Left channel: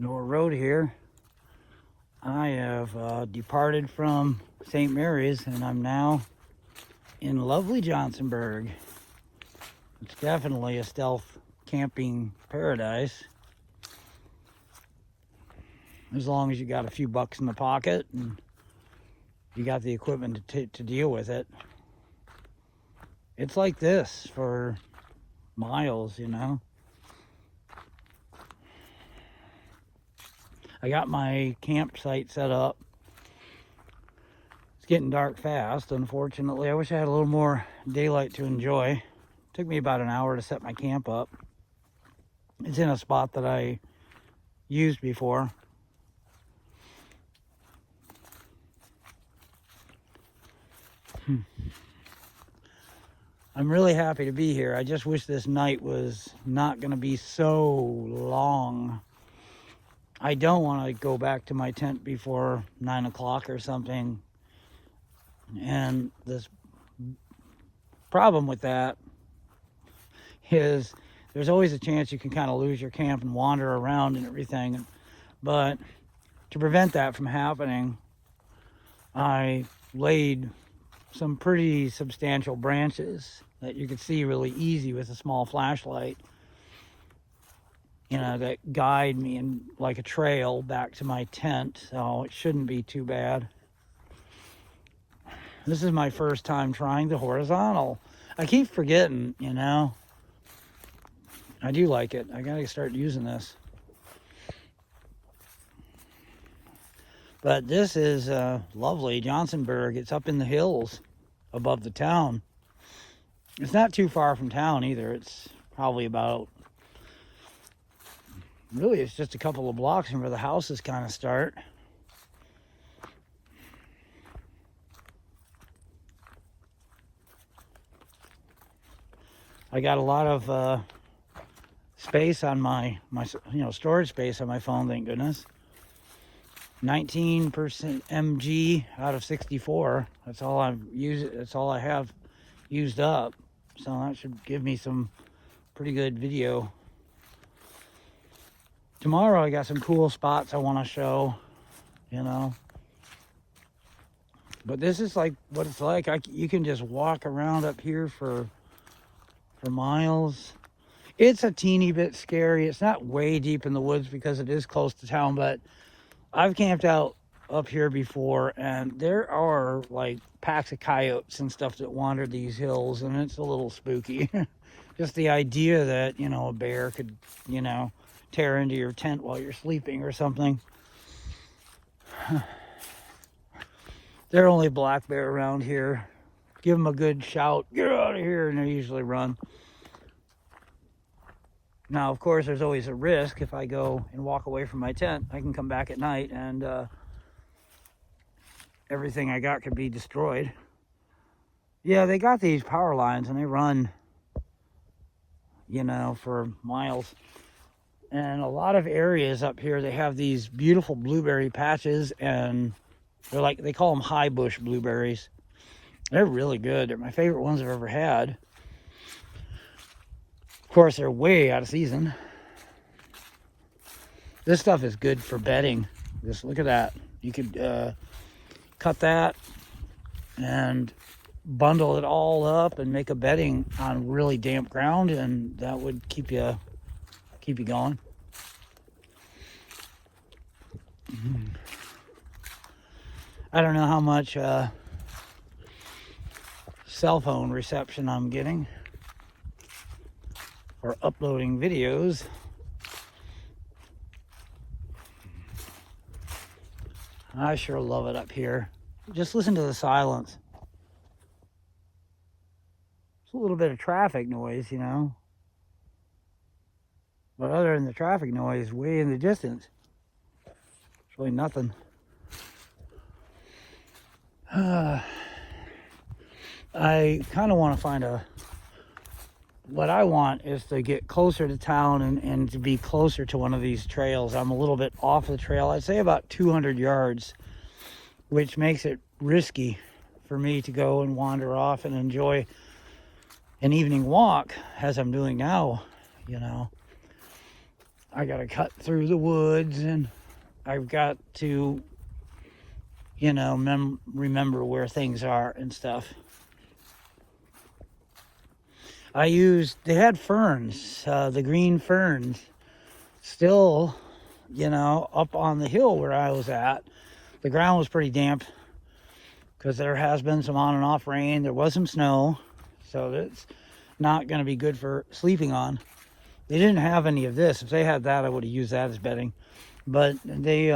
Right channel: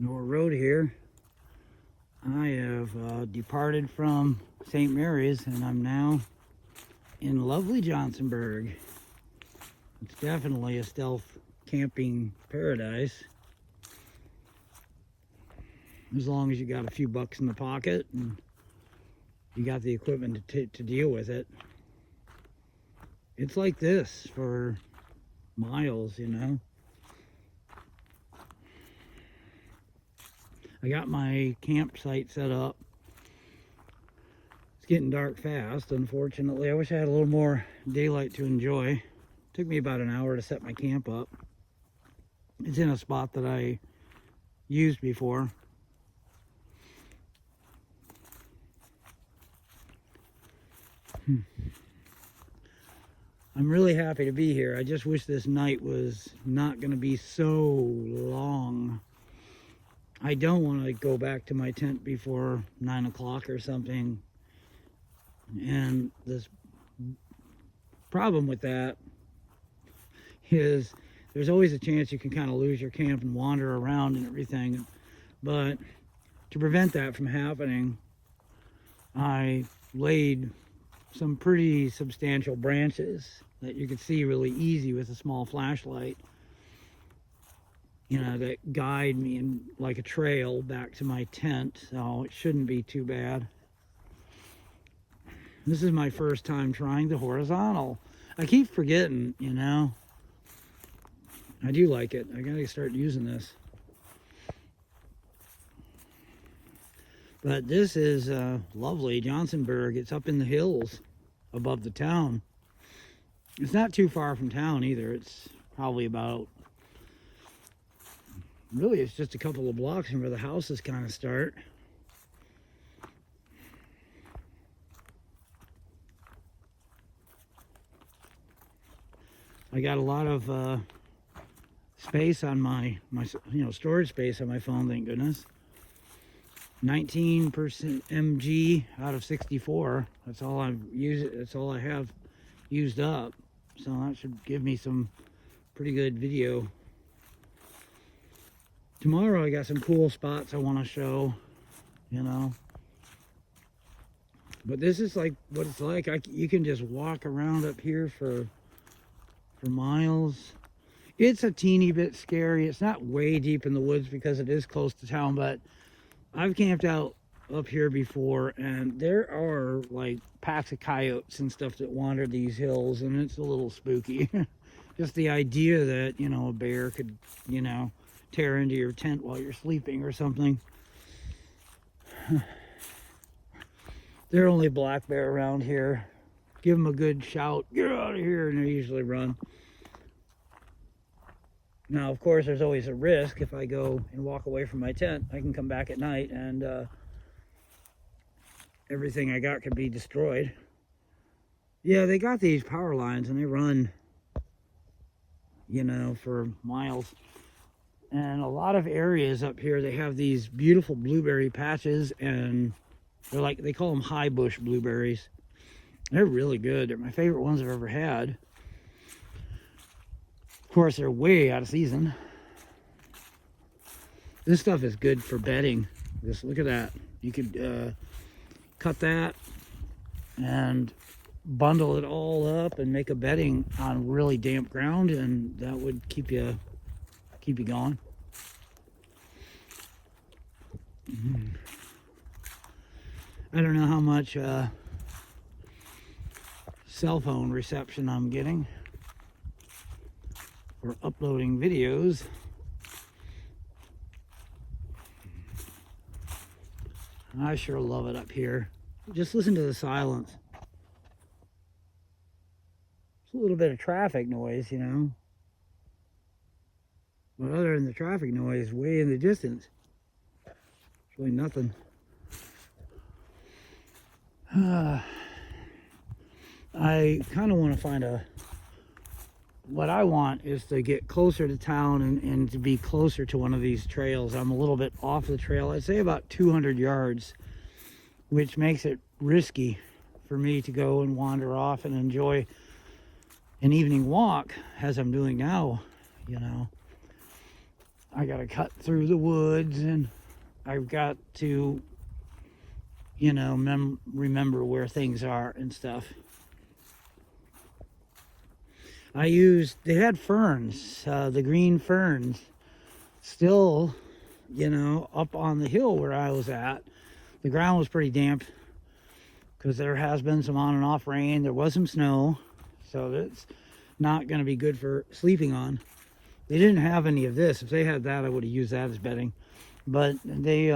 Noah Road here. I have departed from St. Mary's and I'm now in lovely Johnsonburg. It's definitely a stealth camping paradise. As long as you got a few bucks in the pocket and you got the equipment to deal with it. It's like this for miles, you know. I got my campsite set up. It's getting dark fast, unfortunately. I wish I had a little more daylight to enjoy. It took me about an hour to set my camp up. It's in a spot that I used before. I'm really happy to be here. I just wish this night was not going to be so long. I don't want to go back to my tent before 9 o'clock or something. And this problem with that is there's always a chance you can kind of lose your camp and wander around and everything. But to prevent that from happening, I laid some pretty substantial branches that you could see really easy with a small flashlight, you know, that guide me in like a trail back to my tent, so it shouldn't be too bad. This is my first time trying the horizontal. I keep forgetting, you know. I do like it. I gotta start using this. But this is lovely, Johnsonburg. It's up in the hills above the town. It's not too far from town either. It's probably about, really it's just a couple of blocks from where the houses kind of start. I got a lot of space on my storage space on my phone, thank goodness. 19% mg out of 64. That's all I've used. That's all I have used up. So that should give me some pretty good video. Tomorrow I got some cool spots I want to show, you know. But this is like what it's like. You can just walk around up here for miles. It's a teeny bit scary. It's not way deep in the woods because it is close to town, but I've camped out up here before and there are like packs of coyotes and stuff that wander these hills, and it's a little spooky. Just the idea that, you know, a bear could, you know, tear into your tent while you're sleeping or something. They're only black bear around here. Give them a good shout, get out of here, and they usually run. Now, of course, there's always a risk. If I go and walk away from my tent, I can come back at night and everything I got could be destroyed. Yeah, they got these power lines and they run, you know, for miles. And a lot of areas up here, they have these beautiful blueberry patches, and they're like, they call them high bush blueberries. They're really good. They're my favorite ones I've ever had. Of course, they're way out of season. This stuff is good for bedding. Just look at that. You could cut that and bundle it all up and make a bedding on really damp ground, and that would keep you going. I don't know how much cell phone reception I'm getting for uploading videos. I sure love it up here. Just listen to the silence. It's a little bit of traffic noise, you know. But other than the traffic noise way in the distance, it's really nothing. I kind of want to find what I want is to get closer to town and to be closer to one of these trails. I'm a little bit off the trail. I'd say about 200 yards, which makes it risky for me to go and wander off and enjoy an evening walk as I'm doing now, you know. I got to cut through the woods, and I've got to, you know, remember where things are and stuff. They had ferns, the green ferns, still, you know, up on the hill where I was at. The ground was pretty damp because there has been some on and off rain. There was some snow, so that's not going to be good for sleeping on. They didn't have any of this. If they had that, I would have used that as bedding. But they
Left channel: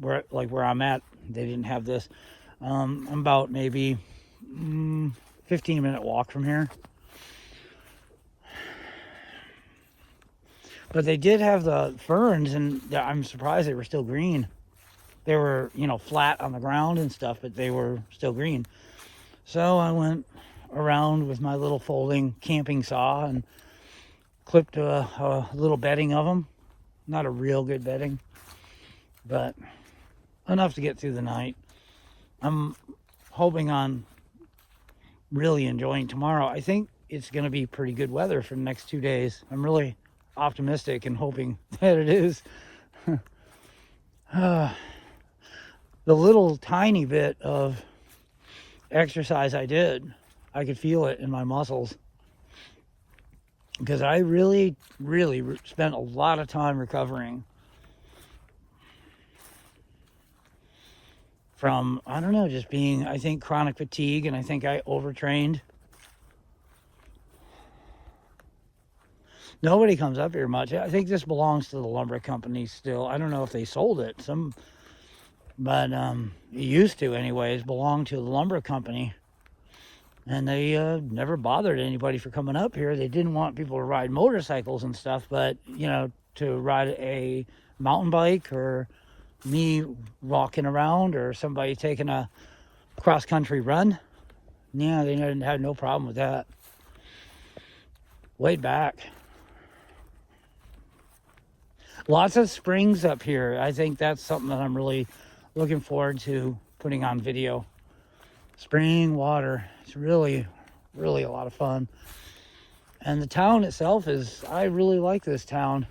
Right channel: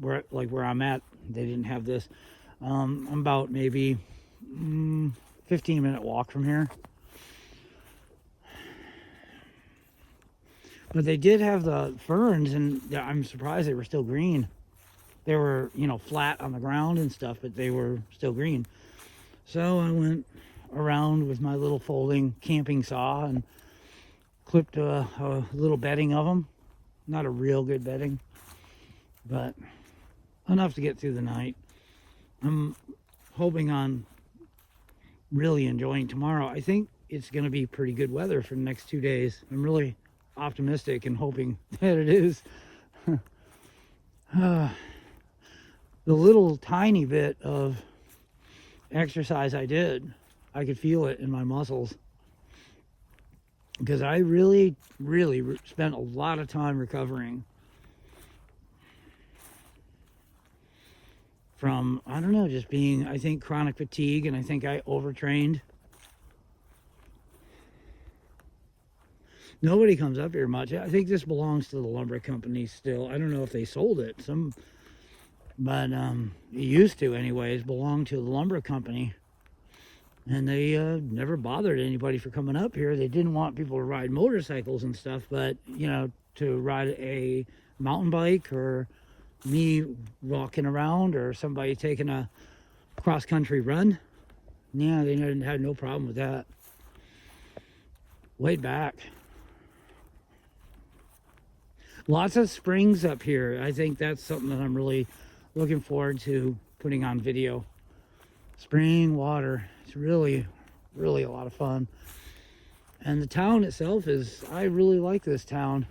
were like where I'm at, they didn't have this. I'm about maybe 15-minute walk from here. But they did have the ferns, and I'm surprised they were still green. They were, you know, flat on the ground and stuff, but they were still green. So I went around with my little folding camping saw and clipped a little bedding of them. Not a real good bedding, but enough to get through the night. I'm hoping on really enjoying tomorrow. I think it's going to be pretty good weather for the next 2 days. I'm really optimistic and hoping that it is. The little tiny bit of exercise I did, I could feel it in my muscles, because I really spent a lot of time recovering from, I don't know, just being, I think, chronic fatigue, and I think I overtrained. Nobody comes up here much. I think this belongs to the lumber company still. I don't know if they sold it. But it used to, anyways, belong to the lumber company. And they never bothered anybody for coming up here. They didn't want people to ride motorcycles and stuff, but, you know, to ride a mountain bike, or me walking around, or somebody taking a cross-country run, yeah, they had no problem with that. Way back. Lots of springs up here. I think that's something that I'm really looking forward to putting on video. Spring water. It's really a lot of fun. And the town itself I really like this town.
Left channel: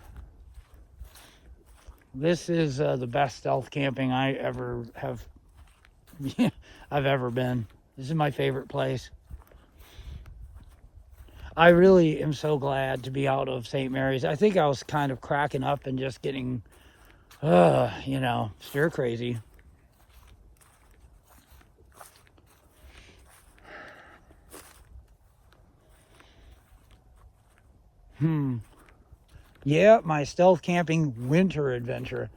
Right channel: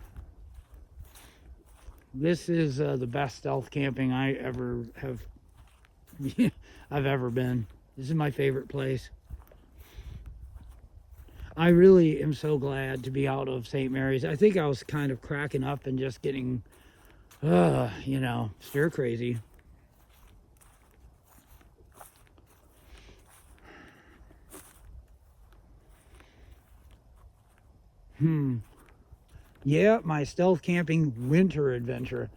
This is the best stealth camping I ever have, I've ever been. This is my favorite place. I really am so glad to be out of St. Mary's. I think I was kind of cracking up and just getting, you know, stir crazy. Yeah, my stealth camping winter adventure.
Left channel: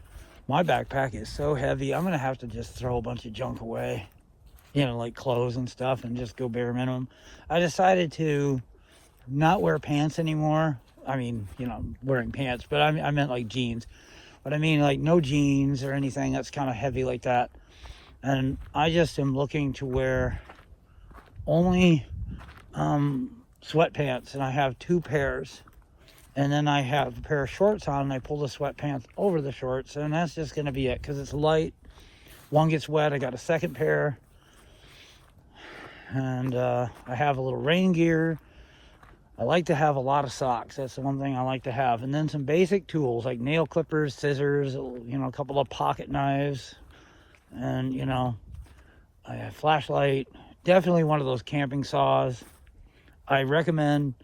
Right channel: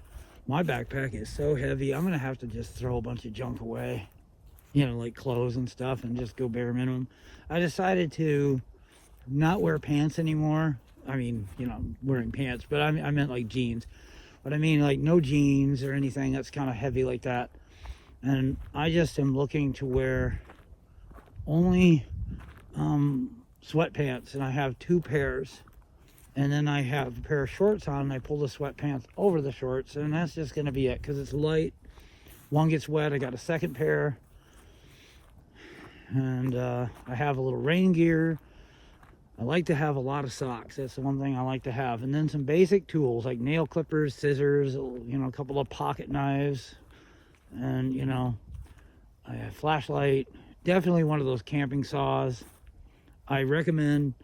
My backpack is so heavy, I'm going to have to just throw a bunch of junk away. You know, like clothes and stuff, and just go bare minimum. I decided to not wear pants anymore. I mean, you know, wearing pants, but I meant like jeans. But I mean, like, no jeans or anything that's kind of heavy like that. And I just am looking to wear only sweatpants, and I have 2 pairs. And then I have a pair of shorts on, and I pull the sweatpants over the shorts, and that's just going to be it, because it's light. One gets wet, I got a second pair. And I have a little rain gear. I like to have a lot of socks. That's the one thing I like to have. And then some basic tools like nail clippers, scissors, you know, a couple of pocket knives, and, you know, I have a flashlight. Definitely one of those camping saws. I recommend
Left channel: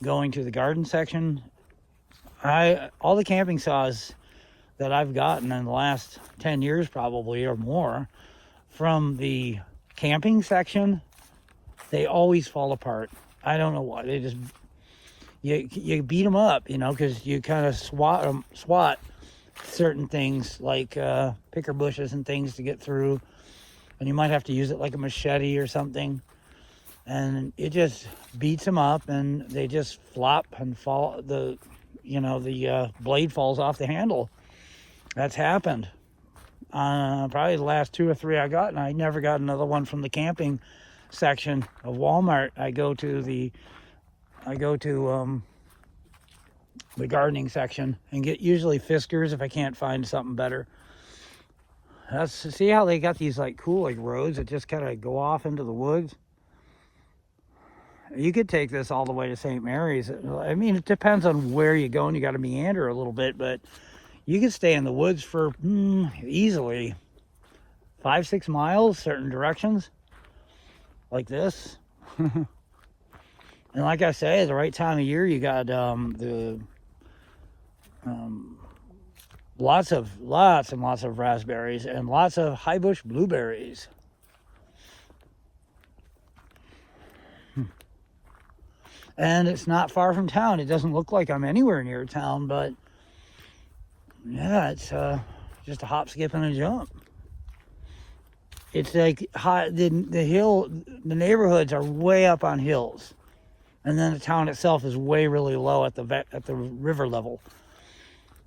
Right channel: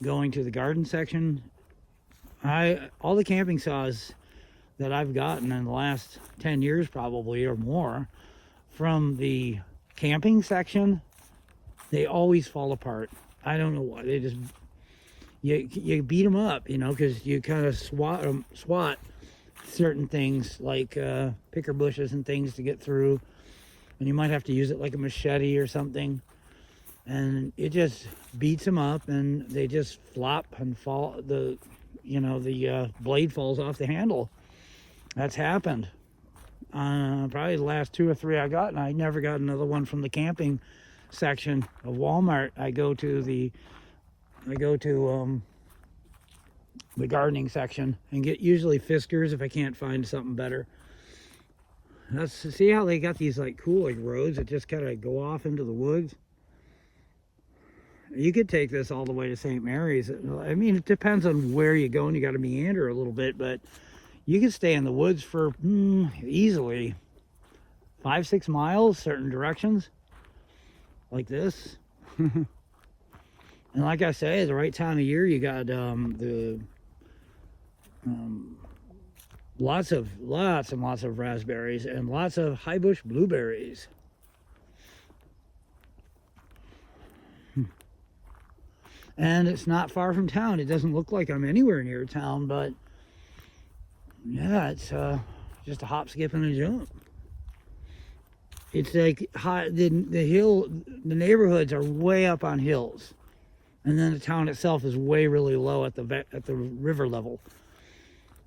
going to the garden section. All the camping saws that I've gotten in the last 10 years probably or more from the camping section, they always fall apart. I don't know why. They just, you beat them up, you know, because you kind of swat certain things like picker bushes and things to get through, and you might have to use it like a machete or something, and it just beats them up, and they just flop and fall. The blade falls off the handle. That's happened. Probably the last 2 or 3 I got, and I never got another one from the camping section of Walmart. I go to the gardening section and get usually Fiskars if I can't find something better. See how they got these like cool like roads that just kind of go off into the woods. You could take this all the way to St. Mary's. I mean, it depends on where you go, and you got to meander a little bit, but you could stay in the woods for easily 5-6 miles, certain directions, like this. And like I say, the right time of year, you got lots and lots of raspberries and lots of high bush blueberries. And it's not far from town. It doesn't look like I'm anywhere near town, but yeah, it's just a hop, skip, and a jump. It's like the neighborhoods are way up on hills, and then the town itself is really low at the river level.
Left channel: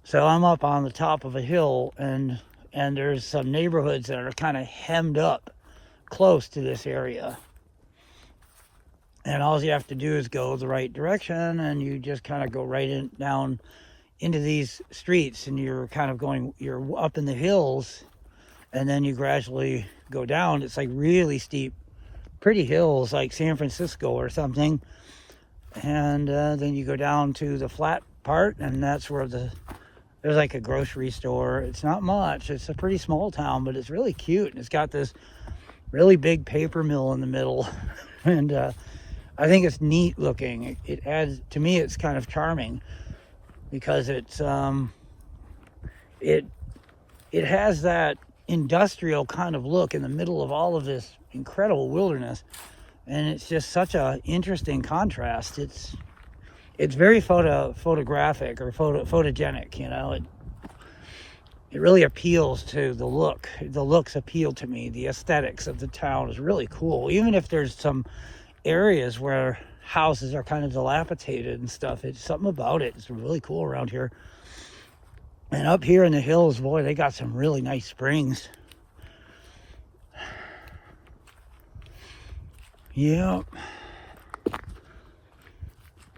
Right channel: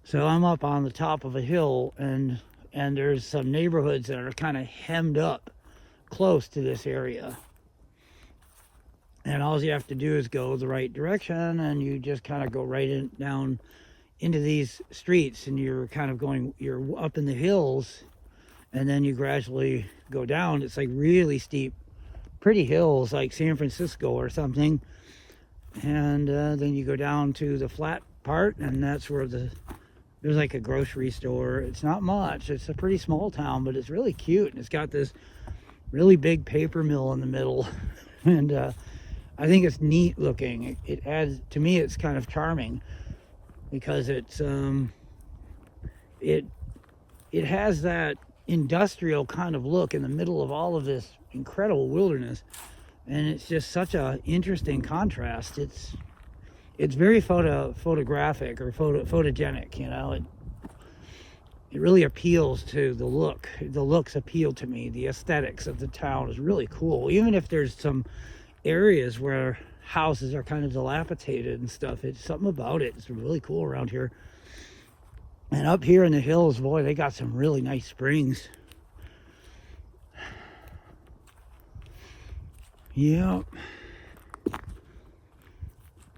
So I'm up on the top of a hill, and there's some neighborhoods that are kind of hemmed up close to this area. And all you have to do is go the right direction, and you just kind of go down into these streets, and you're up in the hills, and then you gradually go down. It's like really steep, pretty hills, like San Francisco or something. And then you go down to the flat part, and that's where there's like a grocery store. It's not much. It's a pretty small town, but it's really cute. It's got this really big paper mill in the middle, and I think it's neat looking. It adds, to me, it's kind of charming because it's it has that industrial kind of look in the middle of all of this incredible wilderness, and it's just such a interesting contrast. It's very photographic or photogenic, you know. It really appeals to the look. The looks appeal to me. The aesthetics of the town is really cool, even if there's some areas where houses are kind of dilapidated and stuff. It's something about it. It's really cool around here. And up here in the hills, boy, they got some really nice springs. Yep.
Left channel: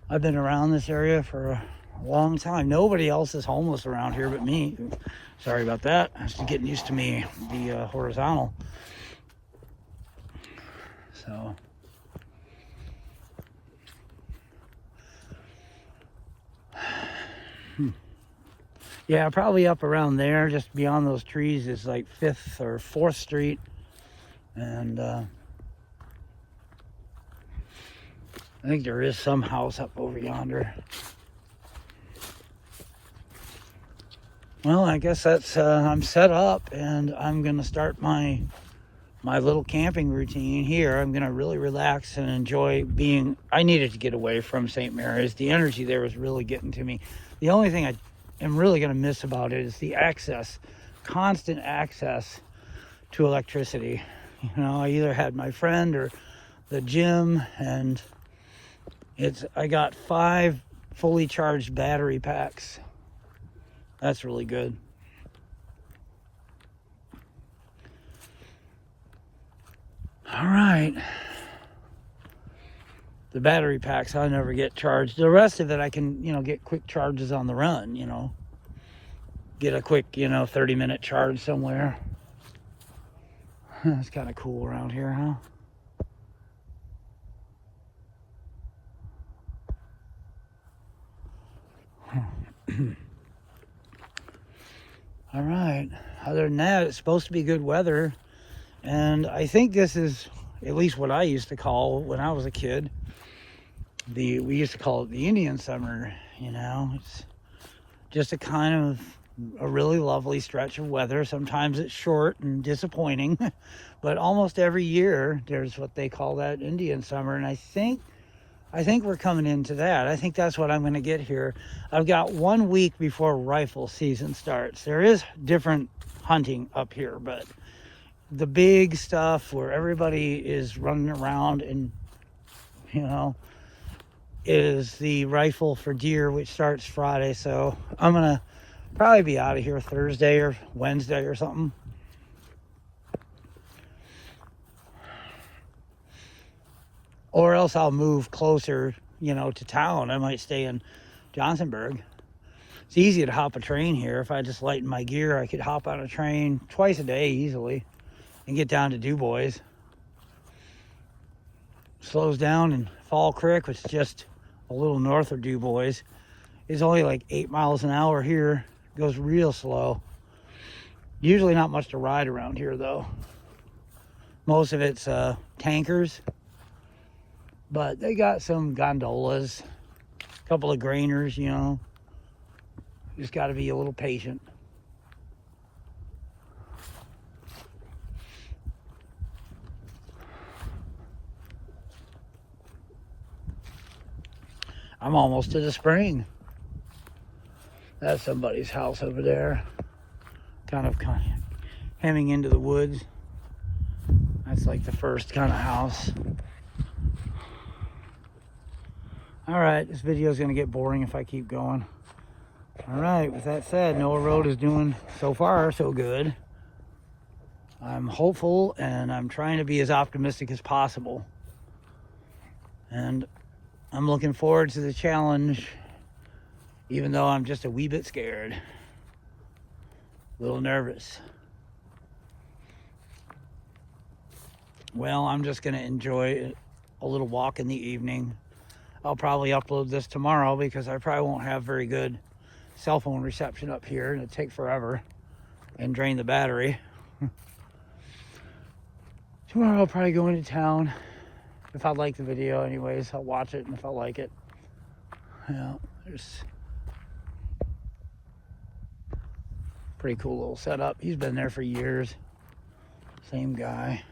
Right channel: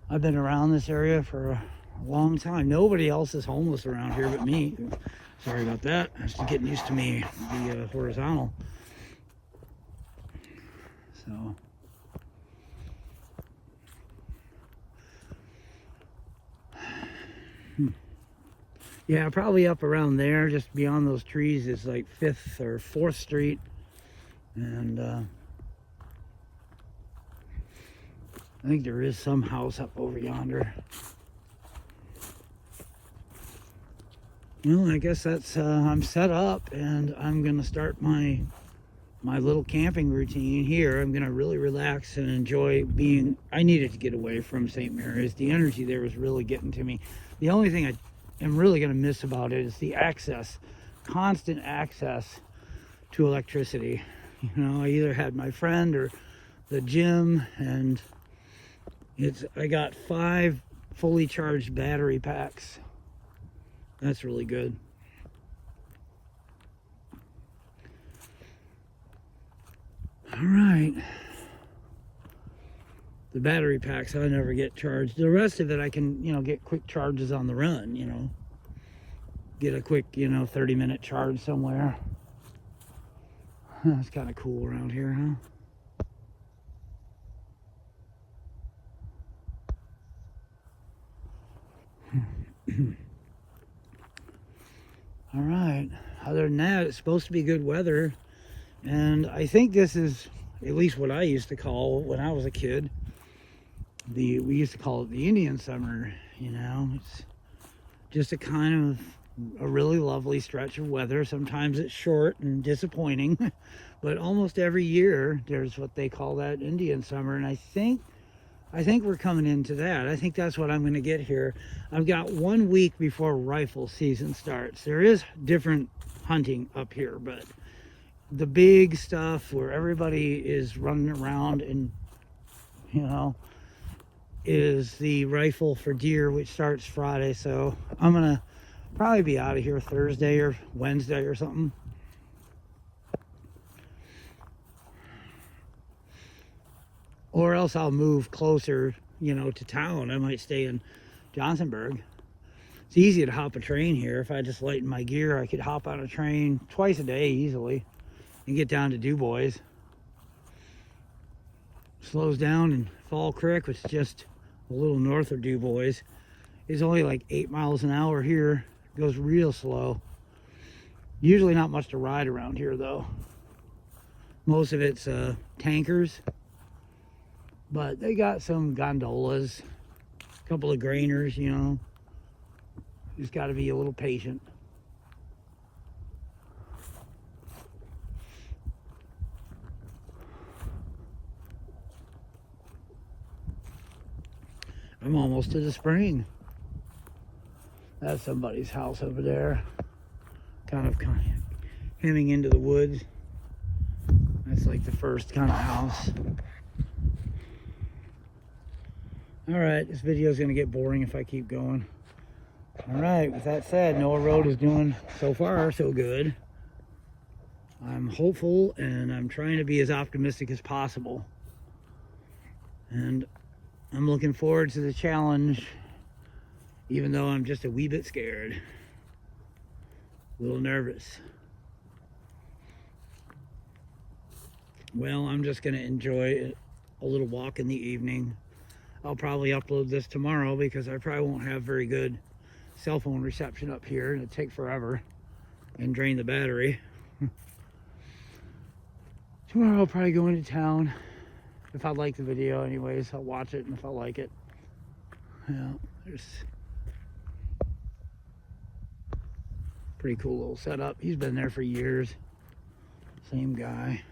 I've been around this area for a long time. Nobody else is homeless around here but me. Sorry about that. I'm just getting used to the horizontal. So yeah, probably up around there, just beyond those trees, is like 5th or 4th Street. And I think there is some house up over yonder. Well, I guess that's, I'm set up, and I'm going to start my little camping routine here. I'm going to really relax and enjoy being, I needed to get away from St. Mary's. The energy there was really getting to me. The only thing I am really going to miss about it is the constant access to electricity. You know, I either had my friend or the gym, and I got 5 fully charged battery packs. That's really good. All right. The battery packs, I never get charged. The rest of it, I can, get quick charges on the run, Get a quick, 30-minute charge somewhere. That's kind of cool around here, huh? All right. Other than that, it's supposed to be good weather. And I think this is at least what I used to call, when I was a kid, we used to call it the Indian summer. It's just a really lovely stretch of weather. Sometimes it's short and disappointing, but almost every year there's what they call that Indian summer. And I think we're coming into that. I think that's what I'm going to get here. I've got 1 week before rifle season starts. There is different hunting up here, but the big stuff where everybody is running around and, is the rifle for deer, which starts Friday. So I'm going to probably be out of here Thursday or Wednesday or something. Or else I'll move closer, to town. I might stay in Johnsonburg. It's easy to hop a train here. If I just lighten my gear, I could hop on a train twice a day easily and get down to Du Bois. slows down, and Fall Creek, which is just a little north of Du Bois, is only like 8 miles an hour here. It goes real slow. Usually not much to ride around here though. Most of it's tankers, but they got some gondolas, a couple of grainers, you know. Just got to be a little patient. I'm almost to the spring. That's somebody's house over there. Kind of hemming into the woods. That's like the first kind of house. Alright, this video is going to get boring if I keep going. Alright, with that said, Noah Road is doing so far so good. I'm hopeful and I'm trying to be as optimistic as possible. And I'm looking forward to the challenge, even though I'm just a wee bit scared. A little nervous. Well, I'm just going to enjoy a little walk in the evening. I'll probably upload this tomorrow because I probably won't have very good cell phone reception up here, and it'll take forever and drain the battery. Tomorrow I'll probably go into town. If I like the video anyways, I'll watch it, and if I like it, yeah, there's pretty cool little setup. He's been there for years. Same guy.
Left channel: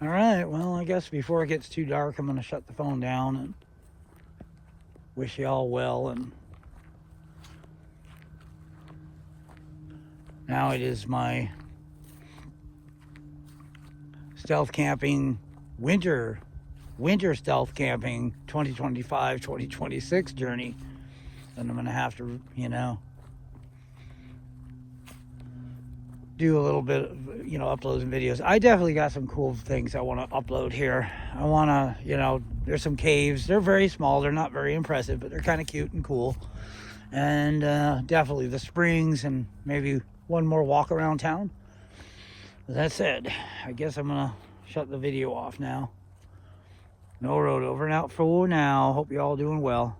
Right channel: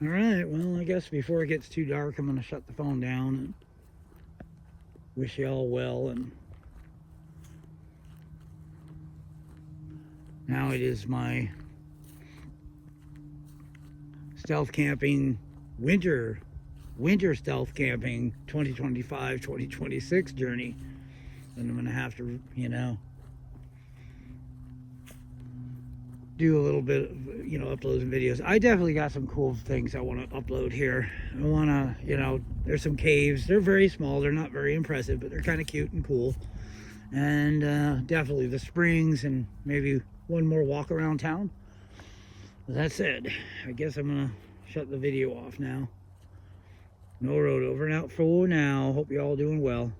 All right, well, I guess before it gets too dark, I'm going to shut the phone down and wish you all well. And now it is my stealth camping winter stealth camping 2025-2026 journey. And I'm going to have to, you know, do a little bit of, you know, uploads and videos. I definitely got some cool things I want to upload here. I want to, you know, there's some caves. They're very small. They're not very impressive, but they're kind of cute and cool. And definitely the springs and maybe one more walk around town. With that said, I guess I'm going to shut the video off now. No Road over and out for now. Hope you're all doing well.